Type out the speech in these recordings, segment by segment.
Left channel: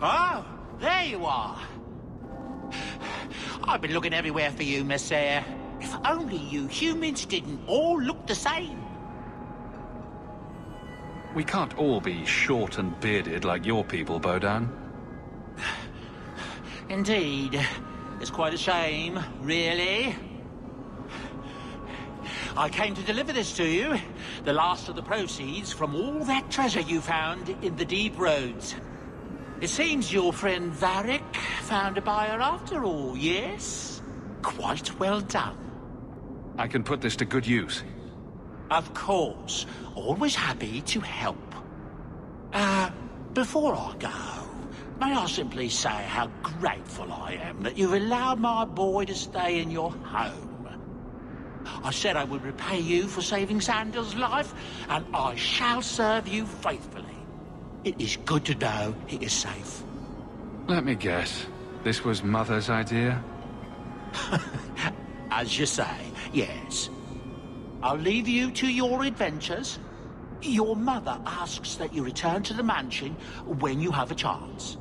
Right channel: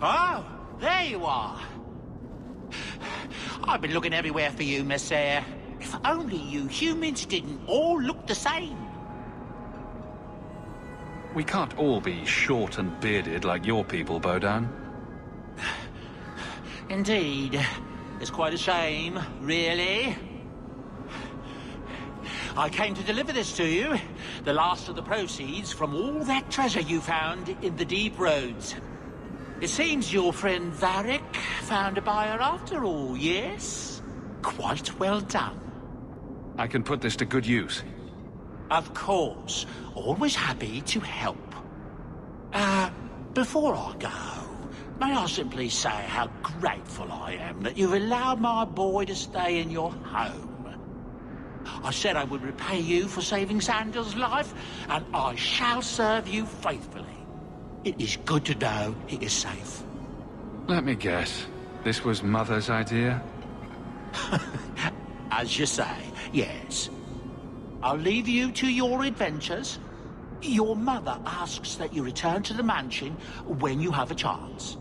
Oh, there you are. I've been looking everywhere for you, Messere. If only you humans didn't all look the same. We can't all be short and bearded like your people, Bodan. Indeed. It's quite a shame, really. I came to deliver this to you. The last of the proceeds from all that treasure you found in the deep roads. It seems your friend Varric found a buyer after all, yes? Quite well done. I can put this to good use. Of course. Always happy to help. Before I go, may I simply say how grateful I am that you've allowed my boy to stay in your home. I said I would repay you for saving Sandal's life, and I shall serve you faithfully. It is good to know he is safe. Let me guess. This was Mother's idea? As you say, yes. I'll leave you to your adventures. Your mother asks that you return to the mansion when you have a chance.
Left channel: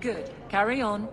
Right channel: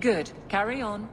Good. Carry on.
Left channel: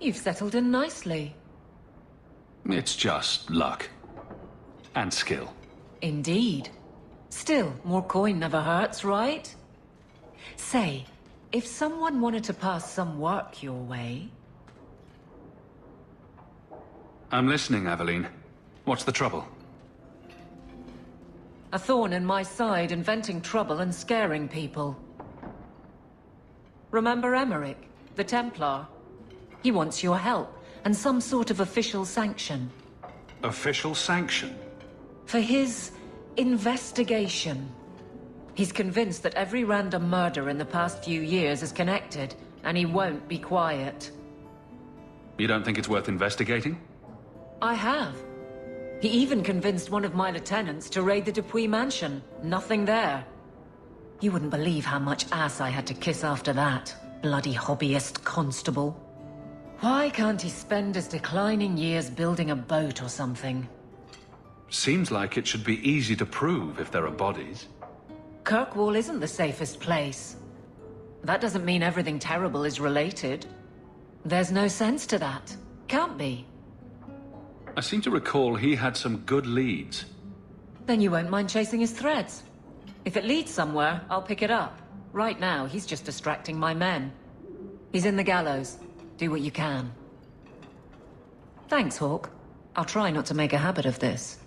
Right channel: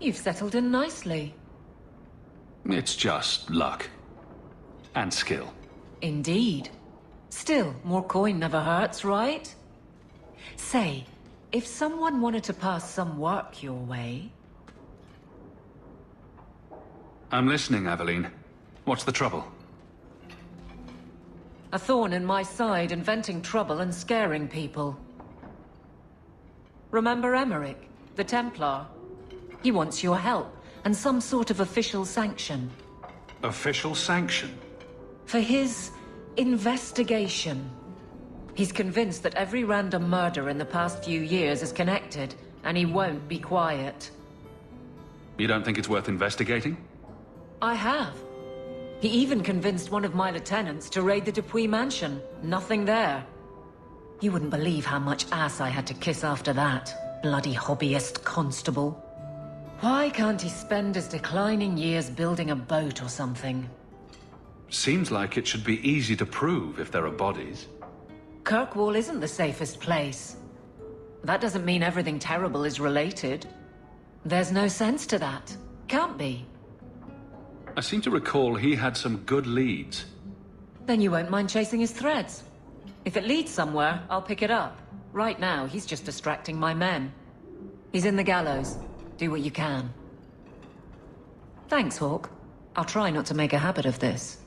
You've settled in nicely. It's just luck. And skill. Indeed. Still, more coin never hurts, right? Say, if someone wanted to pass some work your way... I'm listening, Aveline. What's the trouble? A thorn in my side, inventing trouble and scaring people. Remember Emmerich, the Templar? He wants your help, and some sort of official sanction. Official sanction? For his investigation. He's convinced that every random murder in the past few years is connected, and he won't be quiet. You don't think it's worth investigating? I have. He even convinced one of my lieutenants to raid the Dupuis mansion. Nothing there. You wouldn't believe how much ass I had to kiss after that. Bloody hobbyist constable. Why can't he spend his declining years building a boat or something? Seems like it should be easy to prove if there are bodies. Kirkwall isn't the safest place. That doesn't mean everything terrible is related. There's no sense to that. Can't be. I seem to recall he had some good leads. Then you won't mind chasing his threads. If it leads somewhere, I'll pick it up. Right now, he's just distracting my men. He's in the gallows. Do what you can. Thanks, Hawke. I'll try not to make a habit of this.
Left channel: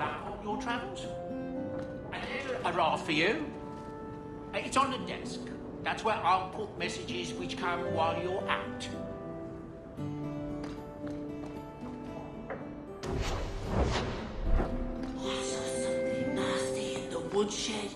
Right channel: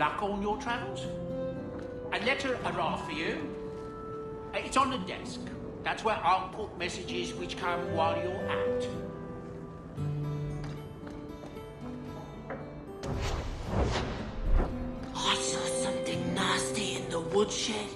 Luck on your travels? a letter arrived for you. It's on the desk. That's where I'll put messages which come while you're out. I saw something nasty in the woodshed.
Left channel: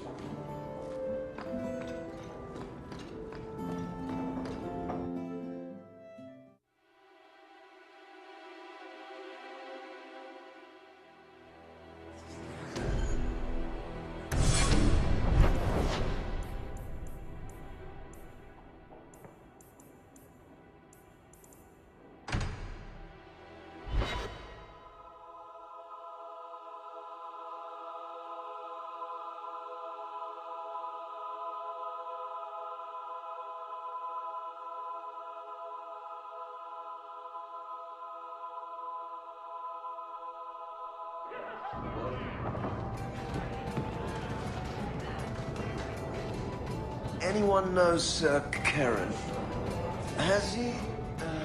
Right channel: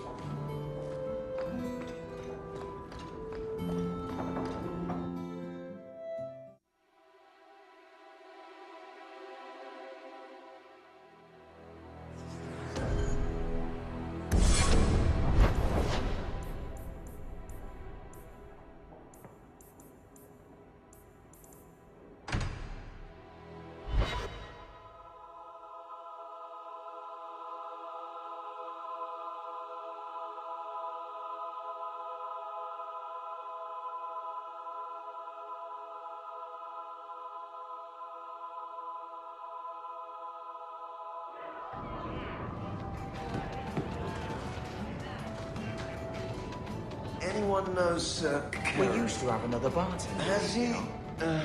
Anyone know Sir Karen? We used to have another party. Has he, Oh?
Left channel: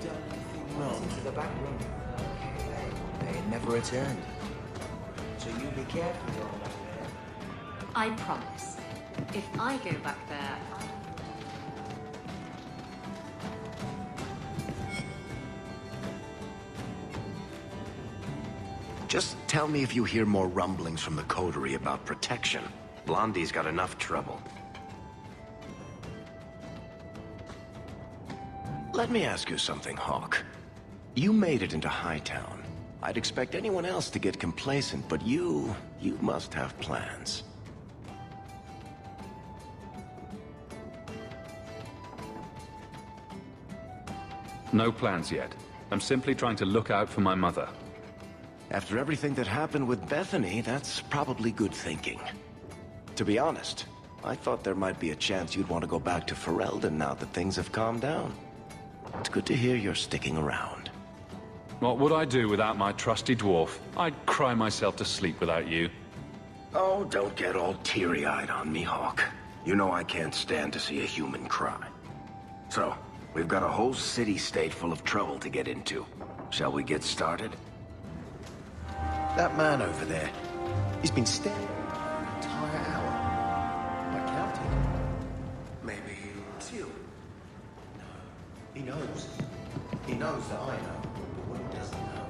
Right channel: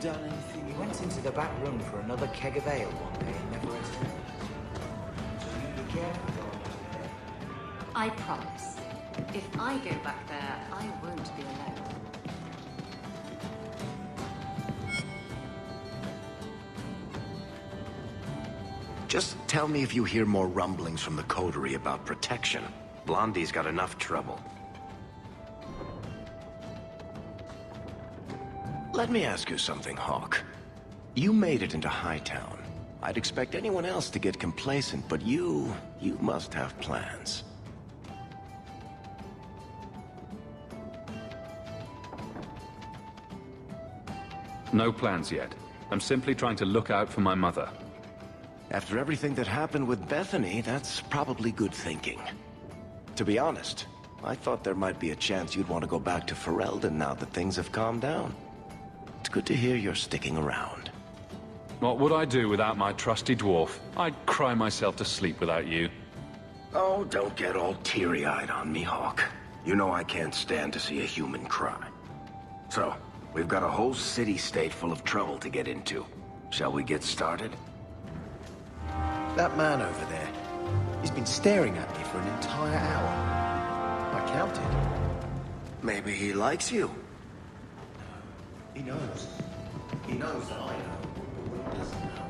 done anything wrong? Went into the back room for another keg of ale one day and never returned. Just tell me if you hear more rumblings from the coterie about protection. Blondie's got enough trouble. Let me ask you something, Hawk. You made it into Hightown. I'd expect anyone else to get complacent, but you must have plans. No plans yet. I'm simply trying to look out for my mother. After everything that happened with Bethany, that's probably good thinking. To be honest, I thought there might be a chance you'd want to go back to Ferelden now that things have calmed down. It's good to hear you're sticking around. What would I do without my trusty dwarf? I'd cry myself to sleep without you. Oh, don't get all teary-eyed on me, Hawk. You know I can't stand to see a human cry. So, we've got a whole city-state full of trouble to get into. Shall we get started? That man over there, he's been staring at me for an entire hour. I counted. Maybe he likes you. No, he knows. He knows that I know. But what he doesn't know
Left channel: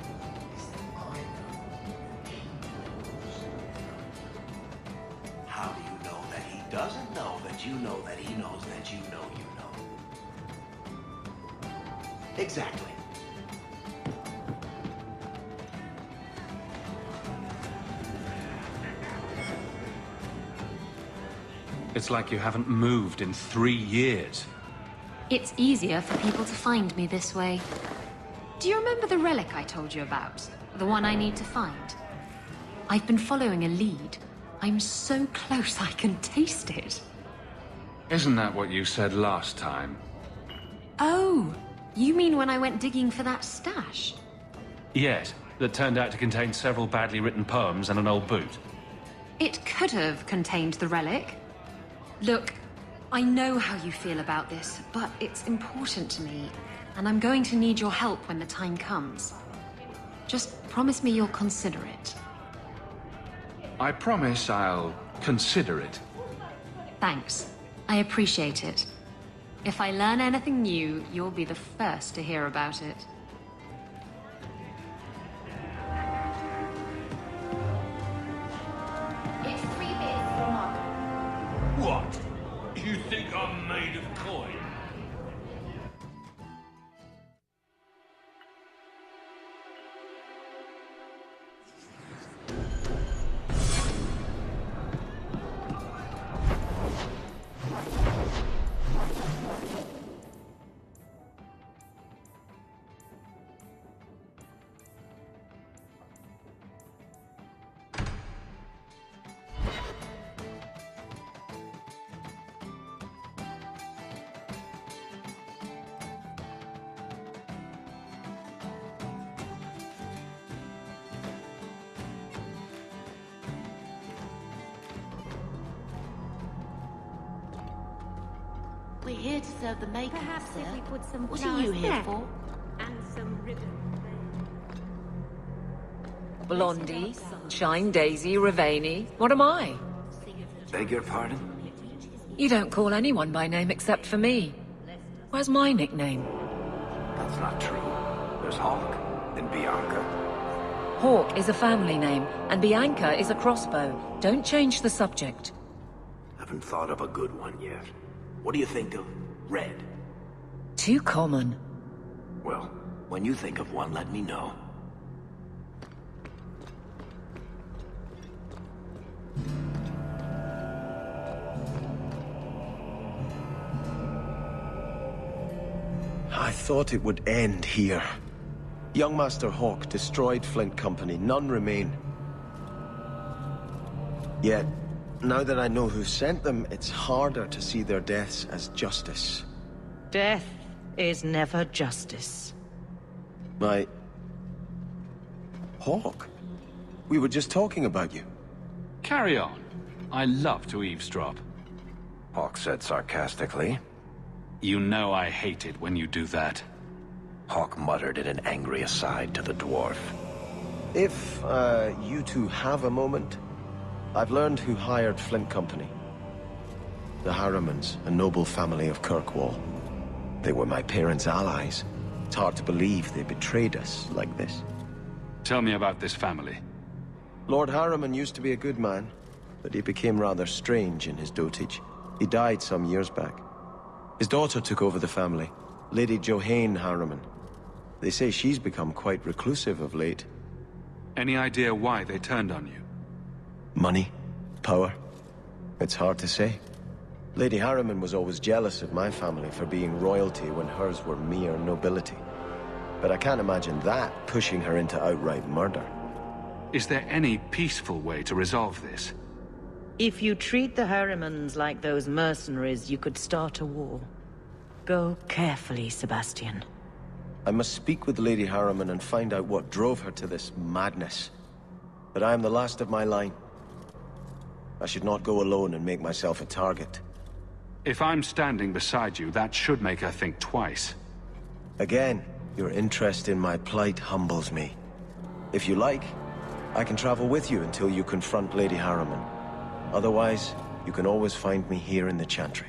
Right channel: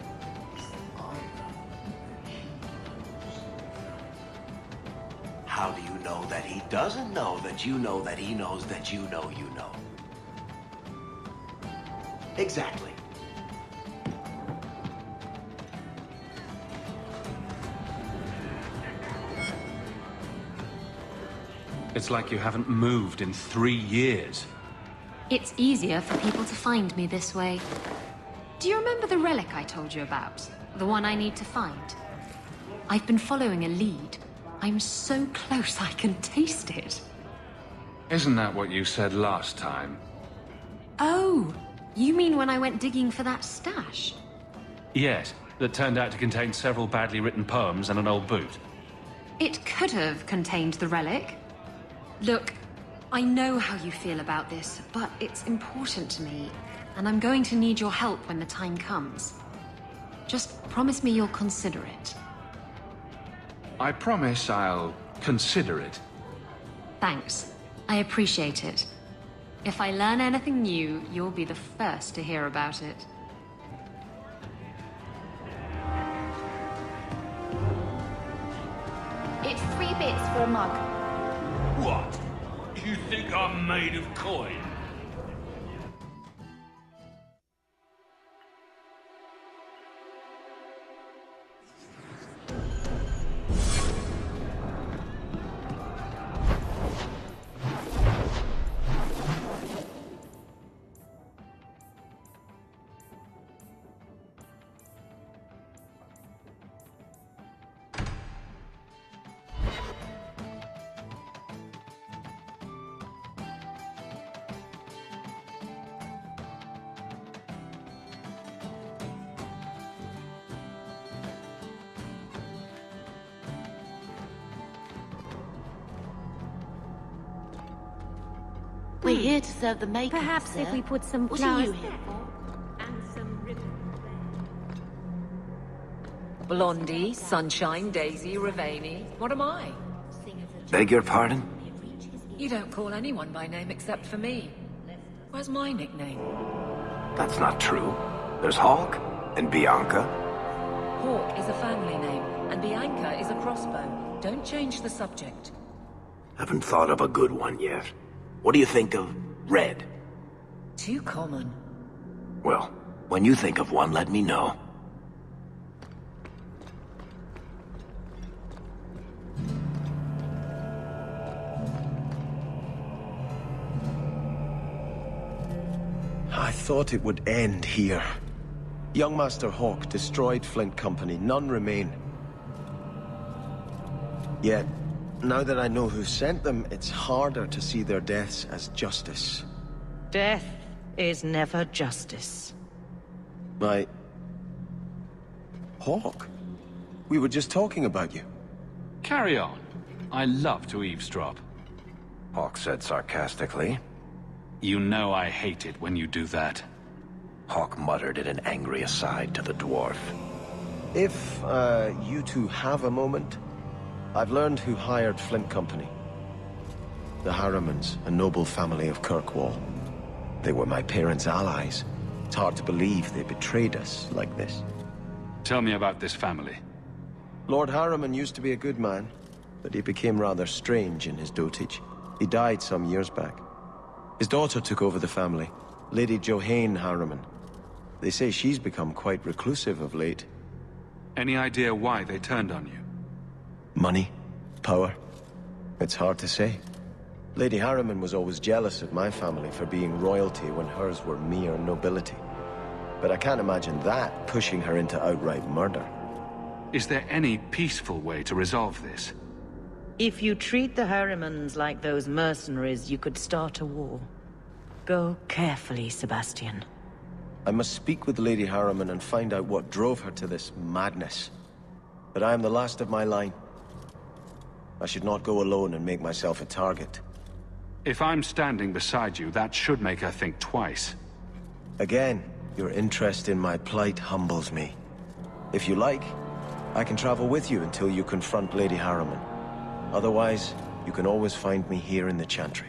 is that I know that he knows. How do you know that he doesn't know that you know that he knows that you know you know? Exactly. It's like you haven't moved in 3 years. It's easier for people to find me this way. Do you remember the relic I told you about? The one I need to find? I've been following a lead. I'm so close I can taste it. Isn't that what you said last time? Oh, you mean when I went digging for that stash? Yes, that turned out to contain several badly written poems and an old boot. It could have contained the relic. Look, I know how you feel about this, but it's important to me, and I'm going to need your help when the time comes. Just promise me you'll consider it. I promise I'll consider it. Thanks. I appreciate it. If I learn anything new, you'll be the first to hear about it. It's 3 bits for a mug. What? You think I'm made of coin? We're here to serve the makeup, Perhaps sir. if we put some What flowers are you here there. for? Blondie, Holly, Sunshine, Daisy, Ravani. What am I? Beg your pardon? You don't call anyone by name except for me. Where's my nickname? That's not true. There's Hawk and Bianca. Hawk is a family name, and Bianca is a crossbow. Don't change the subject. Haven't thought of a good one yet. What do you think of Red? Too common. Well, when you think of one, let me know. I thought it would end here. Young Master Hawk destroyed Flint Company. None remain. Yet, now that I know who sent them, it's harder to see their deaths as justice. Death is never justice. Hawk? We were just talking about you. Carry on. I love to eavesdrop. Hawk said sarcastically. You know I hate it when you do that. Hawk muttered in an angry aside to the dwarf. If, you two have a moment, I've learned who hired Flint Company. The Harrimans, a noble family of Kirkwall. They were my parents' allies. It's hard to believe they betrayed us like this. Tell me about this family. Lord Harriman used to be a good man, but he became rather strange in his dotage. He died some years back. His daughter took over the family, Lady Johane Harriman. They say she's become quite reclusive of late. Any idea why they turned on you? Money? Power? It's hard to say. Lady Harriman was always jealous of my family for being royalty when hers were mere nobility. But I can't imagine that pushing her into outright murder. Is there any peaceful way to resolve this? If you treat the Harrimans like those mercenaries, you could start a war. Go carefully, Sebastian. I must speak with Lady Harriman and find out what drove her to this madness. But I am the last of my line. I should not go alone and make myself a target. If I'm standing beside you, that should make her think twice. Again, your interest in my plight humbles me. If you like, I can travel with you until you confront Lady Harriman. Otherwise, you can always find me here in the Chantry.